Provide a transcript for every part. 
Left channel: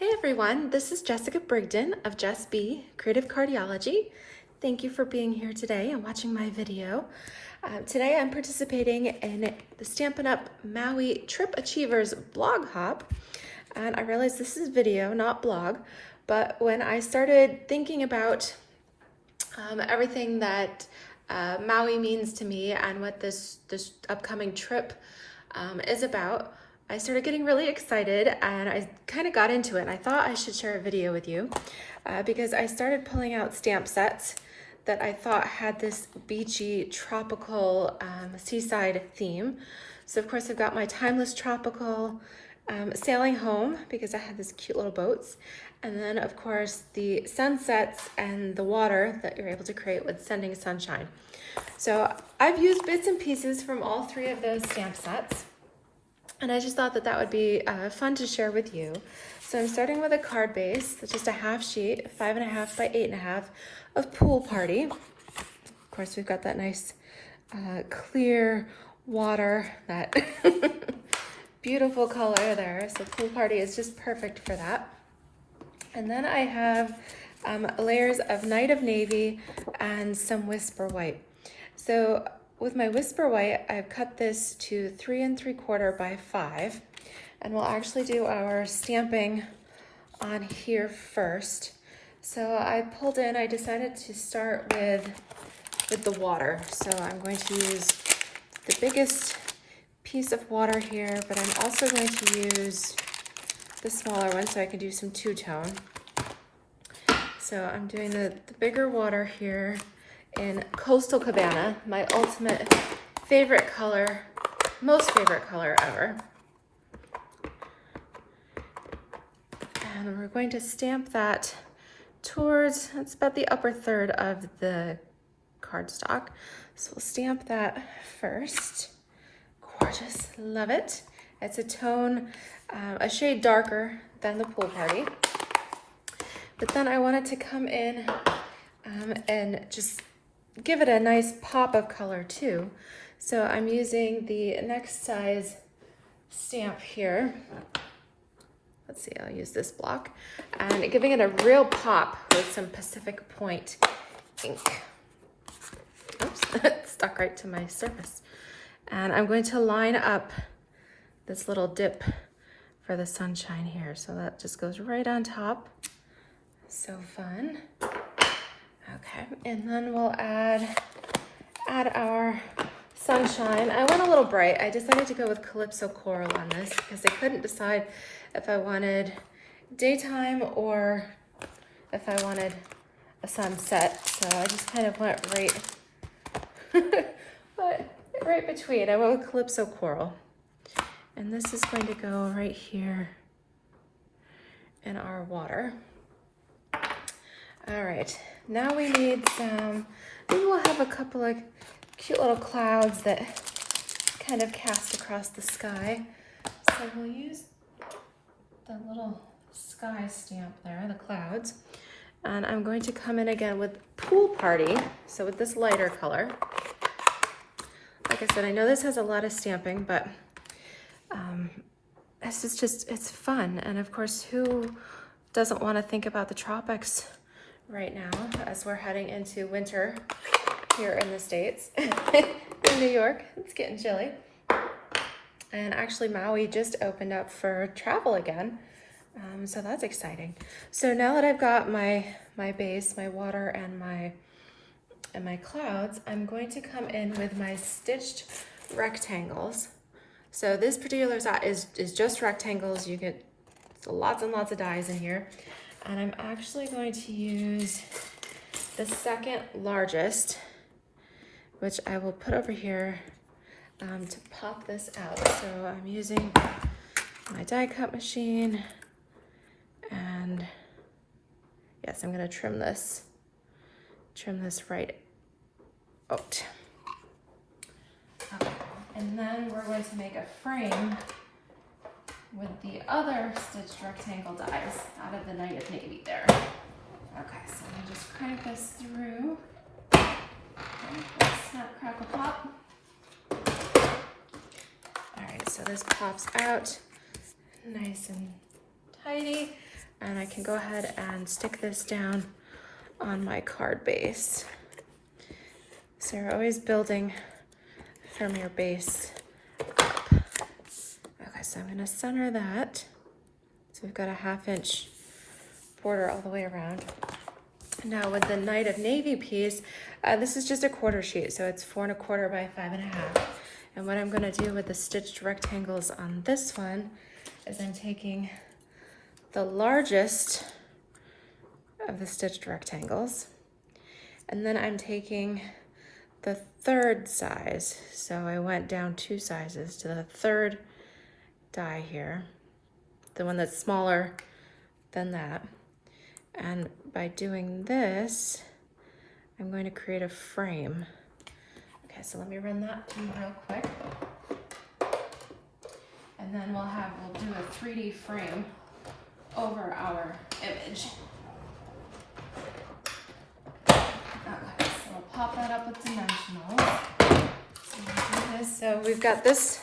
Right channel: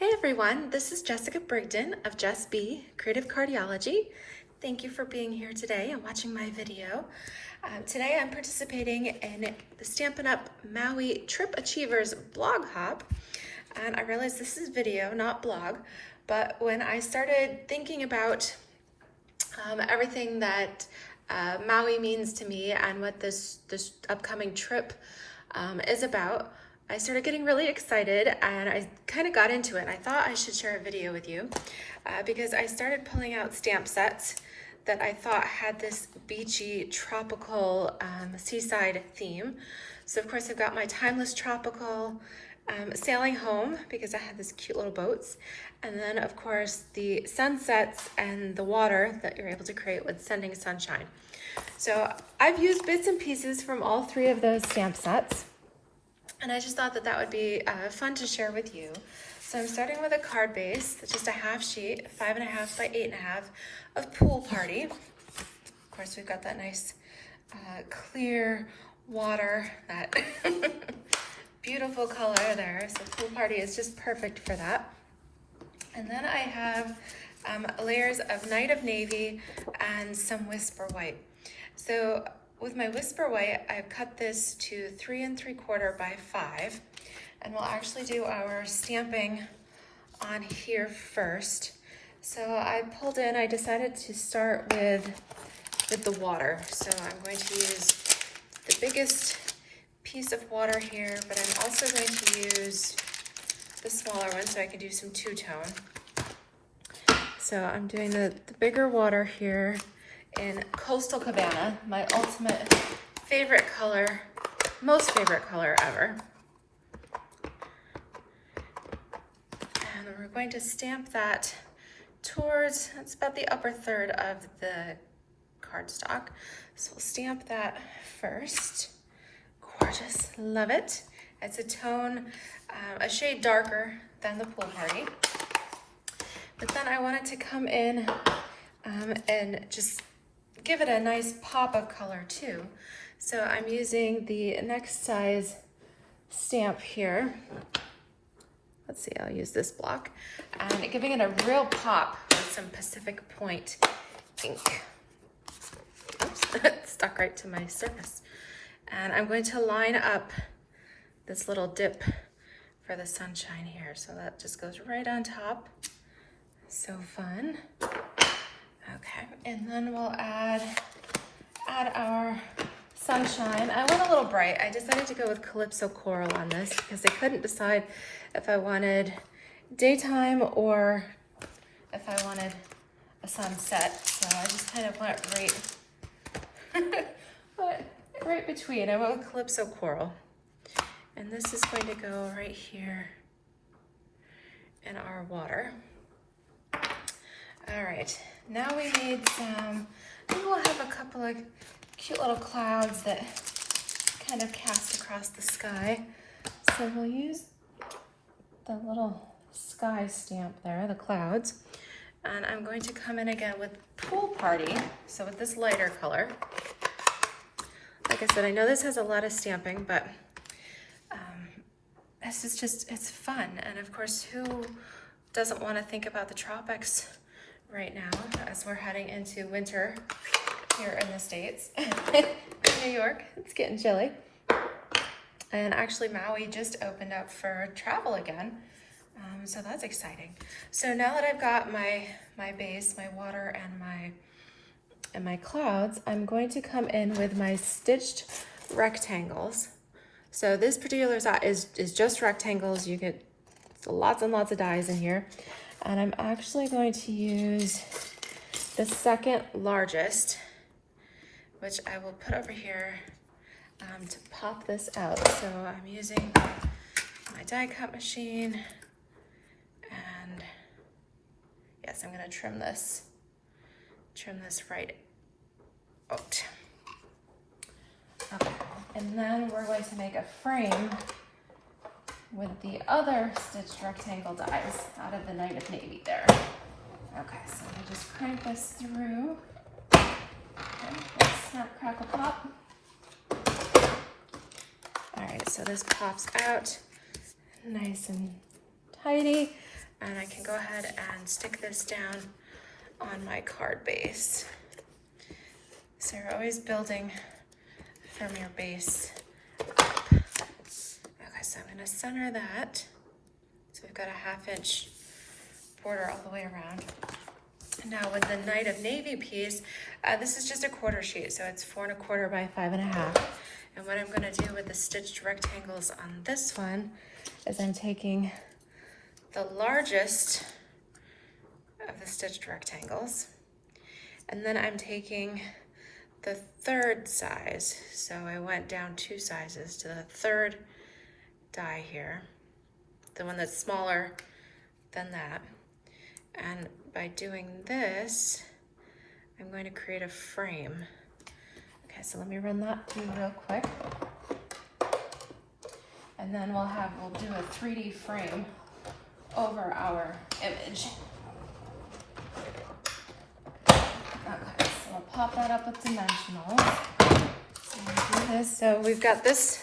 Hey everyone, this is Jessica Brigden of Just Be Creative Cardiology. Thank you for being here today and watching my video. Today I'm participating in the Stampin' Up! Maui Trip Achievers blog hop. And I realized this is video, not blog, but when I started thinking about everything that Maui means to me and what this upcoming trip is about, I started getting really excited and I kind of got into it. I thought I should share a video with you because I started pulling out stamp sets that I thought had this beachy, tropical, seaside theme. So of course I've got my Timeless Tropical, Sailing Home, because I had these cute little boats. And then of course the sunsets and the water that you're able to create with Sending Sunshine. So I've used bits and pieces from all three of those stamp sets. And I just thought that that would be fun to share with you. So I'm starting with a card base, that's just a half sheet, 5.5 by 8.5 of Pool Party. Of course, we've got that nice clear water, that beautiful color there. So Pool Party is just perfect for that. And then I have layers of Night of Navy and some Whisper White. So with my Whisper White, I've cut this to 3 3/4 by 5, and we'll actually do our stamping on here first. So I decided to start with the water. So I'm going to use the biggest piece of water here, but I'm also going to use the smaller one so I can do some two-tone. So I'm doing the bigger water here in Coastal Cabana, my ultimate favorite color, most favorite color ever. And we're going to stamp that towards, it's about the upper third of the cardstock. So we'll stamp that first. Gorgeous, love it. It's a tone, a shade darker than the Pool Party. But then I wanted to come in and just give it a nice pop of color too. So I'm using the next size stamp here. Let's see, I'll use this block. And giving it a real pop with some Pacific Point ink. Oops, it stuck right to my surface. And I'm going to line up this little dip for the sunshine here. So that just goes right on top. So fun. Okay, and then we'll add our sunshine. I went a little bright. I decided to go with Calypso Coral on this because I couldn't decide if I wanted daytime or if I wanted a sunset. So I just kind of went right between. I went with Calypso Coral. And this is going to go right here in our water. All right. Now we need some, maybe we'll have a couple of cute little clouds that kind of cast across the sky. So we'll use the little sky stamp there, the clouds. And I'm going to come in again with Pool Party, so with this lighter color. Like I said, I know this has a lot of stamping, but this is just, it's fun. And of course, who doesn't want to think about the tropics right now as we're heading into winter here in the States. In New York, it's getting chilly. And actually Maui just opened up for travel again. So that's exciting. So now that I've got my base, my water and my clouds, I'm going to come in with my stitched rectangles. So this particular set is just rectangles. You get lots and lots of dies in here. And I'm actually going to use the second largest, which I will put over here to pop this out. So I'm using my die cut machine, and yes, I'm gonna trim this right out. Okay, and then we're going to make a frame with the other stitched rectangle dies out of the Night of Navy there. Okay, so I'm gonna just crank this through. Okay, snap, crackle, pop. All right, so this pops out nice and tidy. and I can go ahead and stick this down on my card base. So we're always building from your base up. Okay, so I'm gonna center that. So we've got a 1/2 inch border all the way around. Now with the Night of Navy piece, this is just a 1/4 sheet, so it's 4 1/4 by 5 1/2. And what I'm gonna do with the stitched rectangles on this one is I'm taking the largest of the stitched rectangles, and then I'm taking the 3rd size. So I went down 2 sizes to the 3rd die here, the one that's smaller than that. And by doing this, I'm going to create a frame. Okay, so let me run that through real quick. And then we'll do a 3D frame over our image. Okay, so I'll pop that up with dimensionals. So we've got this,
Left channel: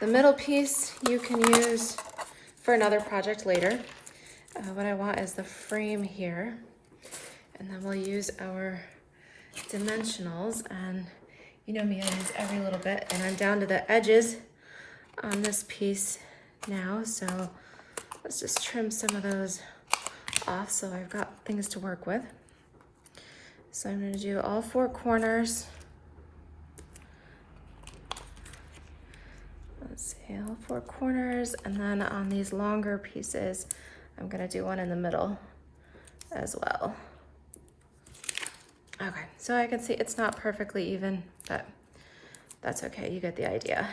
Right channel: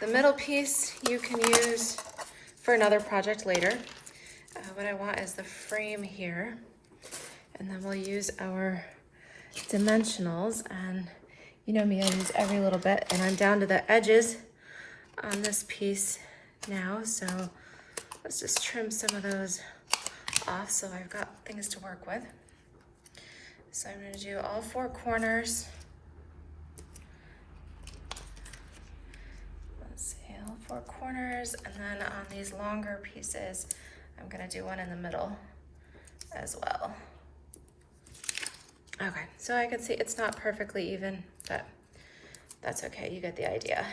the middle piece you can use for another project later. What I want is the frame here, and then we'll use our dimensionals, and you know me, I use every little bit, and I'm down to the edges on this piece now, so let's just trim some of those off so I've got things to work with. So I'm going to do all 4 corners. Let's see, all 4 corners, and then on these longer pieces, I'm going to do one in the middle as well. Okay, so I can see it's not perfectly even, but that's okay, you get the idea.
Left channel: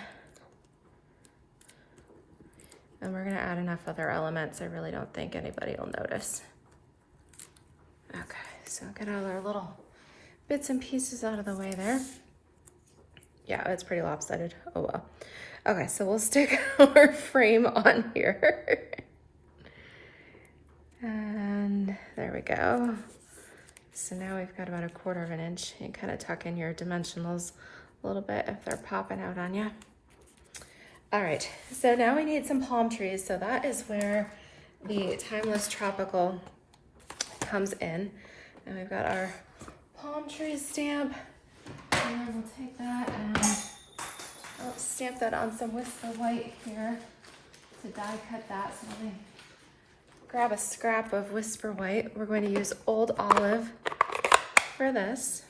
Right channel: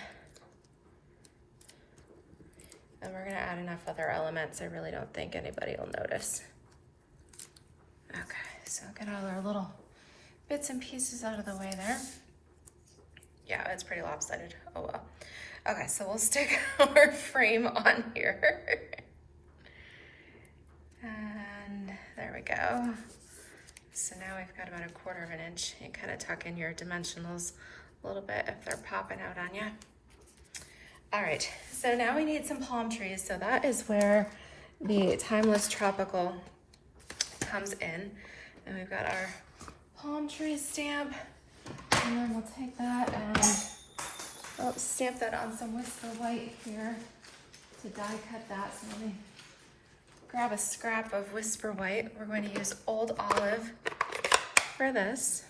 And we're gonna add enough other elements, I really don't think anybody will notice. Okay, so get all our little bits and pieces out of the way there. Yeah, it's pretty lopsided, oh well. Okay, so we'll stick our frame on here. And there we go. So now we've got about 1/4 inch. You kind of tuck in your dimensionals a little bit if they're popping out on you. All right, so now we need some palm trees. So that is where the Timeless Tropical comes in. And we've got our palm tree stamp. And then we'll take that and I'll stamp that on some Whisper White here to die cut that. So let me grab a scrap of Whisper White. We're going to use Old Olive for this.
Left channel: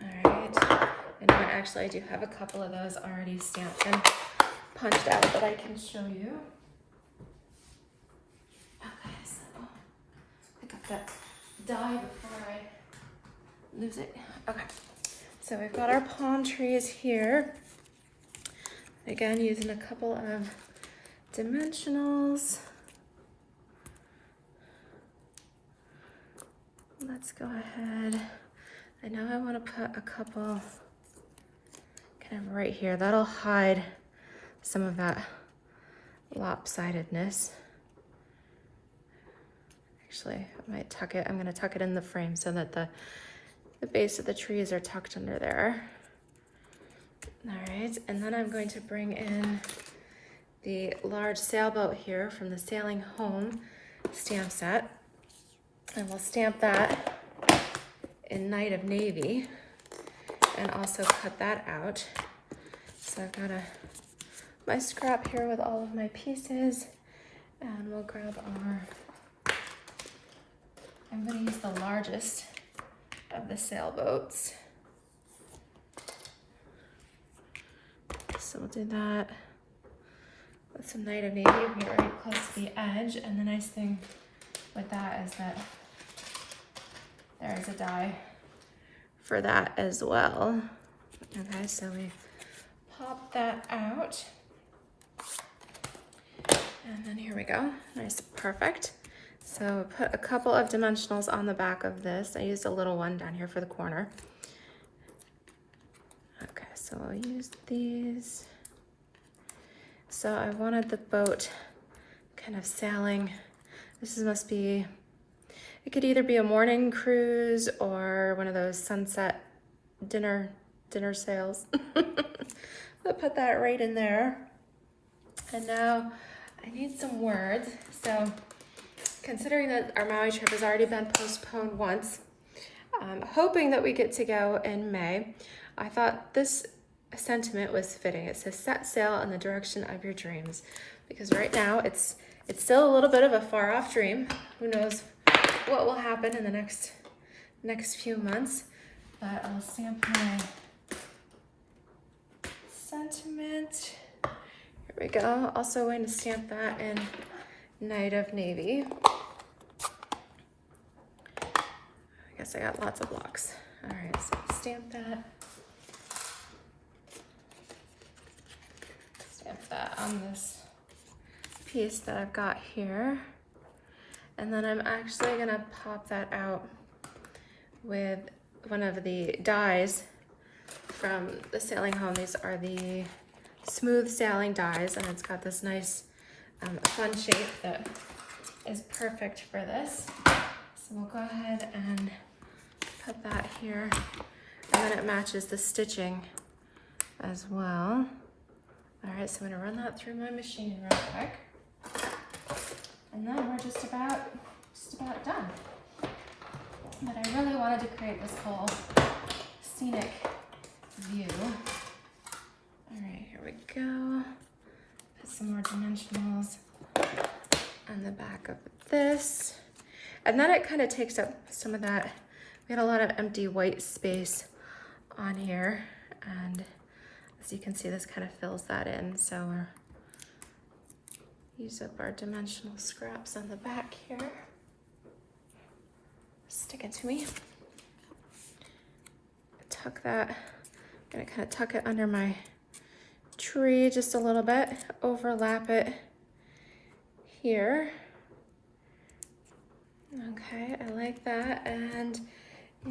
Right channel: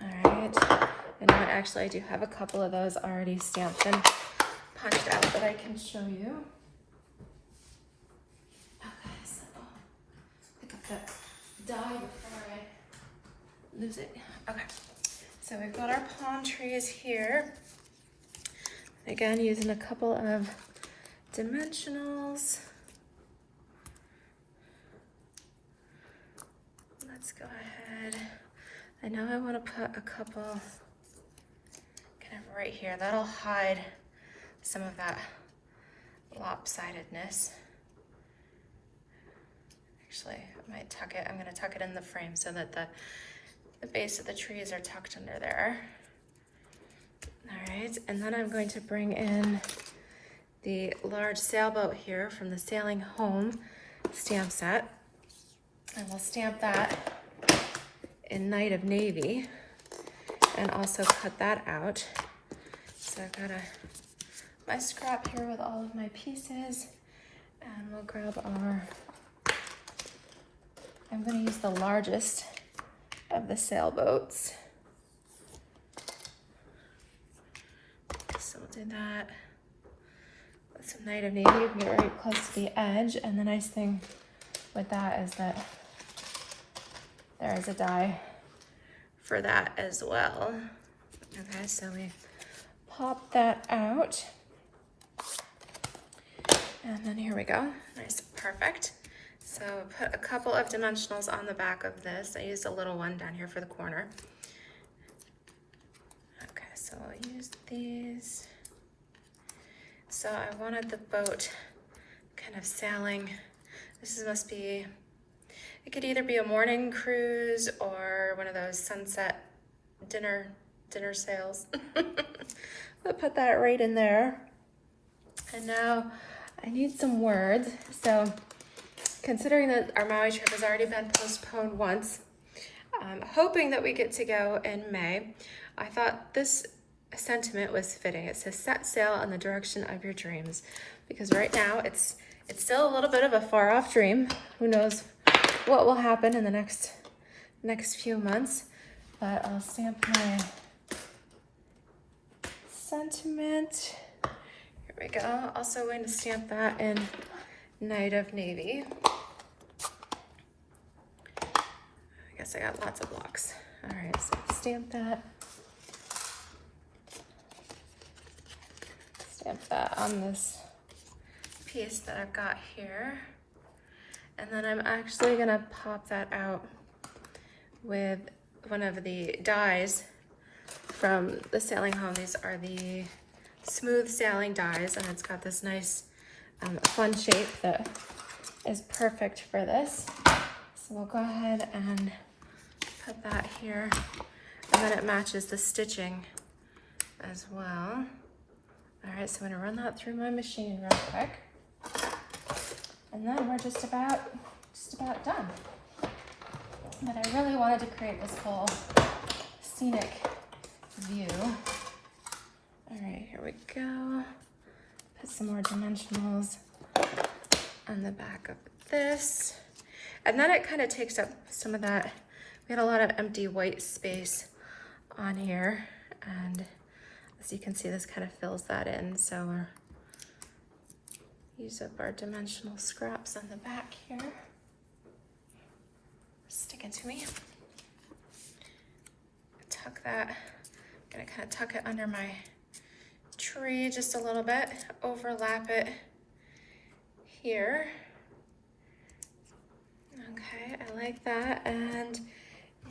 All right, and now actually I do have a couple of those already stamped and punched out that I can show you. Okay, so pick up that die before I lose it. Okay, so we've got our palm trees here. Again, using a couple of dimensionals. Let's go ahead. I know I want to put a couple kind of right here. That'll hide some of that lopsidedness. Actually, I might tuck it. I'm going to tuck it in the frame so that the base of the trees are tucked under there. All right, and then I'm going to bring in the large sailboat here from the Sailing Home stamp set. And we'll stamp that in Night of Navy and also cut that out. So I've got my scrap here with all of my pieces, and we'll grab our, I'm going to use the largest of the sailboats. So we'll do that with some Night of Navy. We can get right close to the edge, and the nice thing with that is that there is a die for that as well. Okay, so we pop that out. And then here we go, nice, perfect. So put a couple of dimensionals on the back of this. I used a little one down here for the corner. Okay, so we'll use these. So I wanted the boat kind of sailing. Must be, it could either be a morning cruise or one of those sunset dinner sails. I'll put that right in there. And now I need some words. So considering that our Maui trip has already been postponed once, hoping that we get to go in May, I thought this sentiment was fitting. It says, set sail in the direction of your dreams. Because right now it's still a little bit of a far off dream. Who knows what will happen in the next few months. But I'll stamp my sentiment. Here we go. Also going to stamp that in Night of Navy. I guess I got lots of blocks. All right, so stamp that. Stamp that on this piece that I've got here. And then I'm actually gonna pop that out with one of the dies from the sailing home. These are the smooth sailing dies, and it's got this nice fun shape that is perfect for this. So we'll go ahead and put that here, and then it matches the stitching as well. All right, so I'm gonna run that through my machine real quick. And then we're just about done. But I really wanted to create this whole scenic view. All right, here we go. Put some more dimensionals on the back of this. And then it kind of takes up some of that. We had a lot of empty white space on here. And as you can see, this kind of fills that in. So we're use up our dimensional scraps on the back here. Stick it to me. Tuck that. I'm gonna kind of tuck it under my tree just a little bit, overlap it here. Okay, I like that. And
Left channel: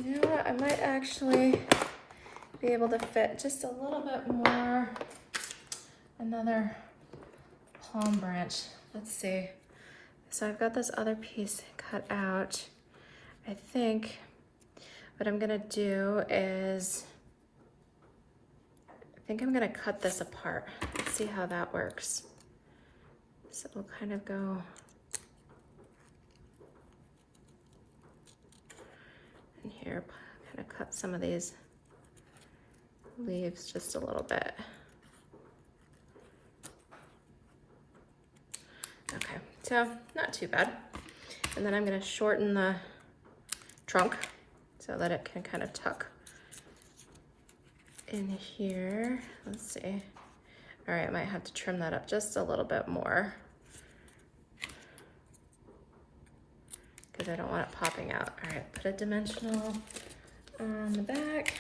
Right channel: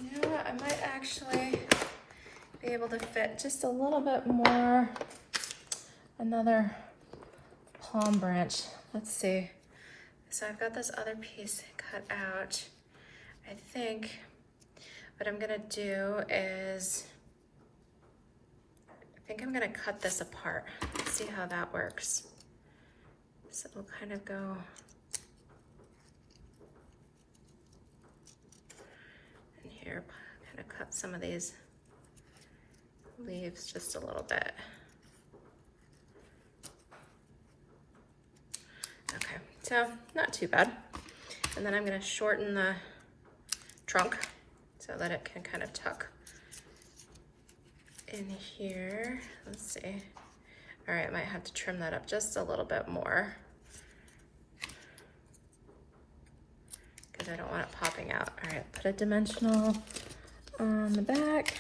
you know what, I might actually be able to fit just a little bit more, another palm branch. Let's see. So I've got this other piece cut out. I think what I'm gonna do is, I think I'm gonna cut this apart. Let's see how that works. So we'll kind of go in here, kind of cut some of these leaves just a little bit. Okay, so not too bad. And then I'm gonna shorten the trunk so that it can kind of tuck in here. Let's see. All right, I might have to trim that up just a little bit more because I don't want it popping out. All right, put a dimensional on the back.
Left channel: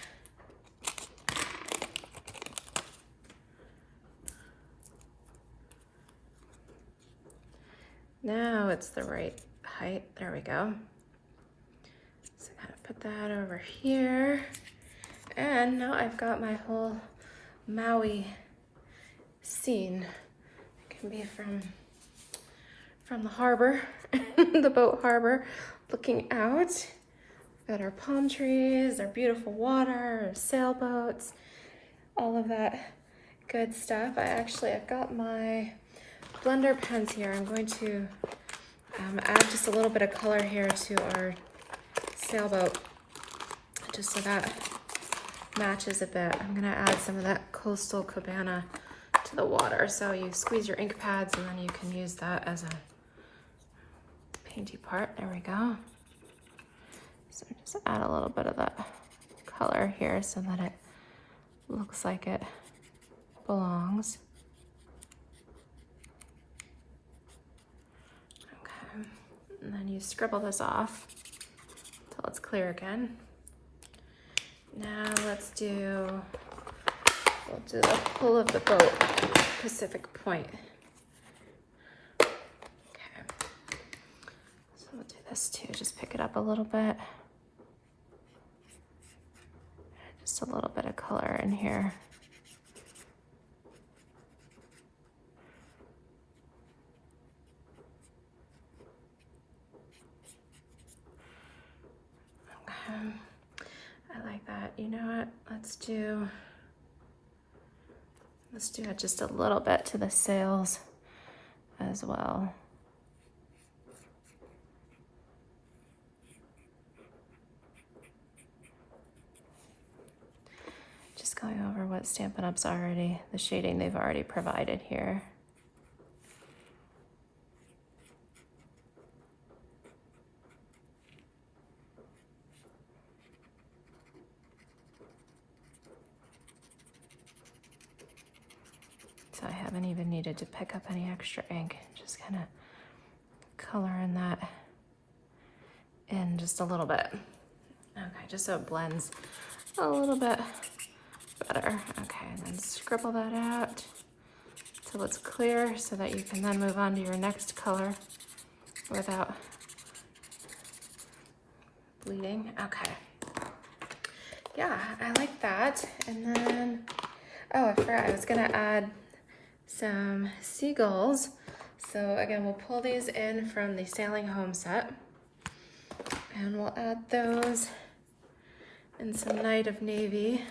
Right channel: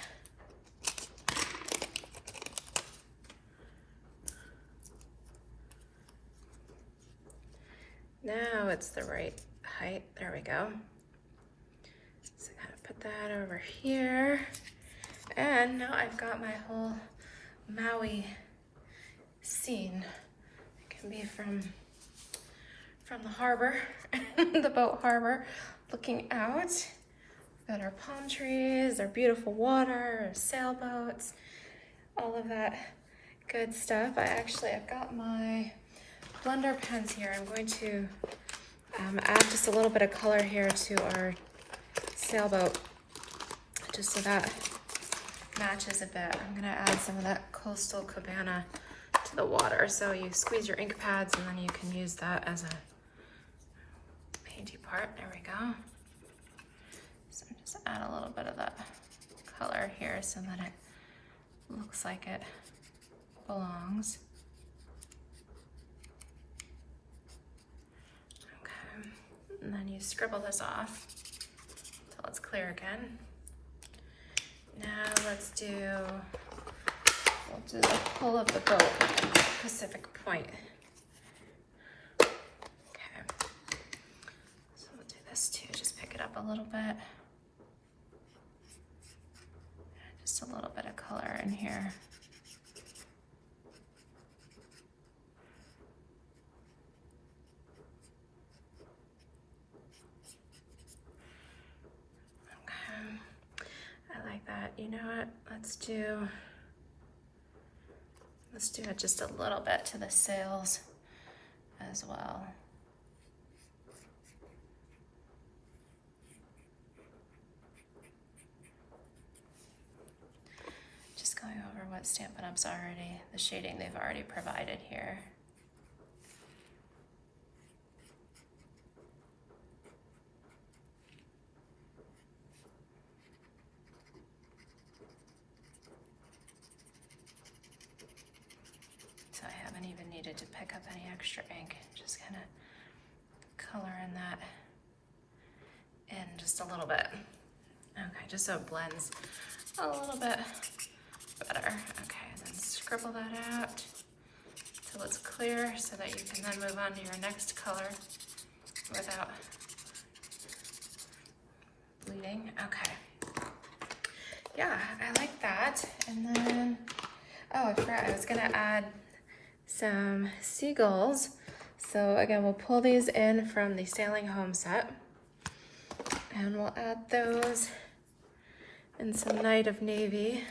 Now it's the right height. There we go. So I gotta put that over here. And now I've got my whole Maui scene. It can be from the harbor, the boat harbor, looking out. We've got our palm trees, our beautiful water, our sailboats, all of that good stuff. I've got my blender pens here. I'm going to add just a little bit of color here to our sailboat, just so that matches a bit. I'm gonna add some of that coastal cabana to the water. So you squeeze your ink pads and then you can use that as a painty part. There we go. So just add a little bit of that color here so that it looks like it belongs. And then you scribble this off until it's clear again. Now we'll do the hull of the boat, Pacific Point. Okay, so we'll do this too, just pick it up a little bit. Just a little bit of color in here. I like that. You know what? Let's do it just a little bit to the sails as well. Just going over what Stampin' Up's already, the shading they've already provided here. So I haven't even needed to pick up any extra ink, just kind of coloring that in just a little bit. Okay, just so it blends a little bit better. Okay, and then scribble that out till it's clear so that you can then move on to your next color without bleeding. Okay. Yeah, I like that. And then, oh, I forgot I was gonna add some seagulls. So again, we'll pull these in from the Sailing Home set and we'll add those in some Night of Navy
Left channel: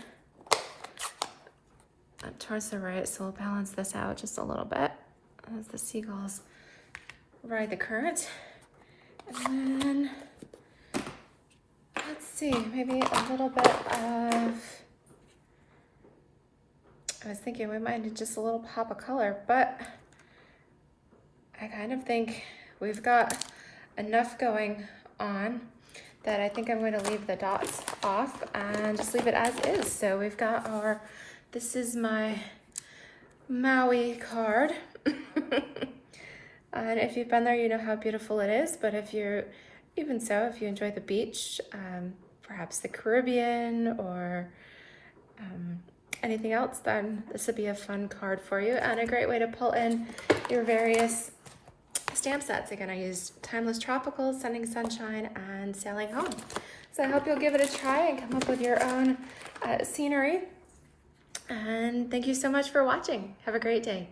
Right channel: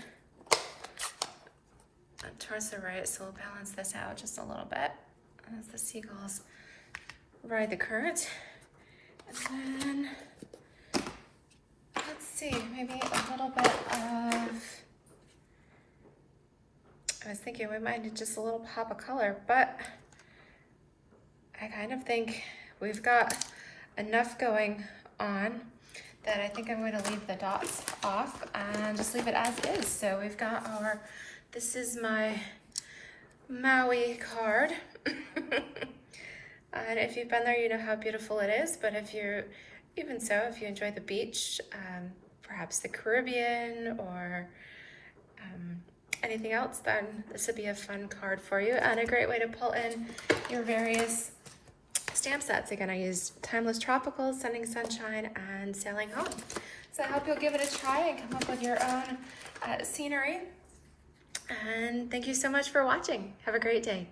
towards the right, so we'll balance this out just a little bit as the seagulls ride the current. And then, let's see, maybe a little bit of, I was thinking we might need just a little pop of color, but I kind of think we've got enough going on that I think I'm going to leave the dots off and just leave it as is. So we've got our, this is my Maui card. And if you've been there, you know how beautiful it is. But if you're, even so, if you enjoy the beach, perhaps the Caribbean or anything else, then this would be a fun card for you and a great way to pull in your various stamp sets. Again, I used Timeless Tropical, Sending Sunshine, and Sailing Home. So I hope you'll give it a try and come up with your own scenery. And thank you so much for watching. Have a great day.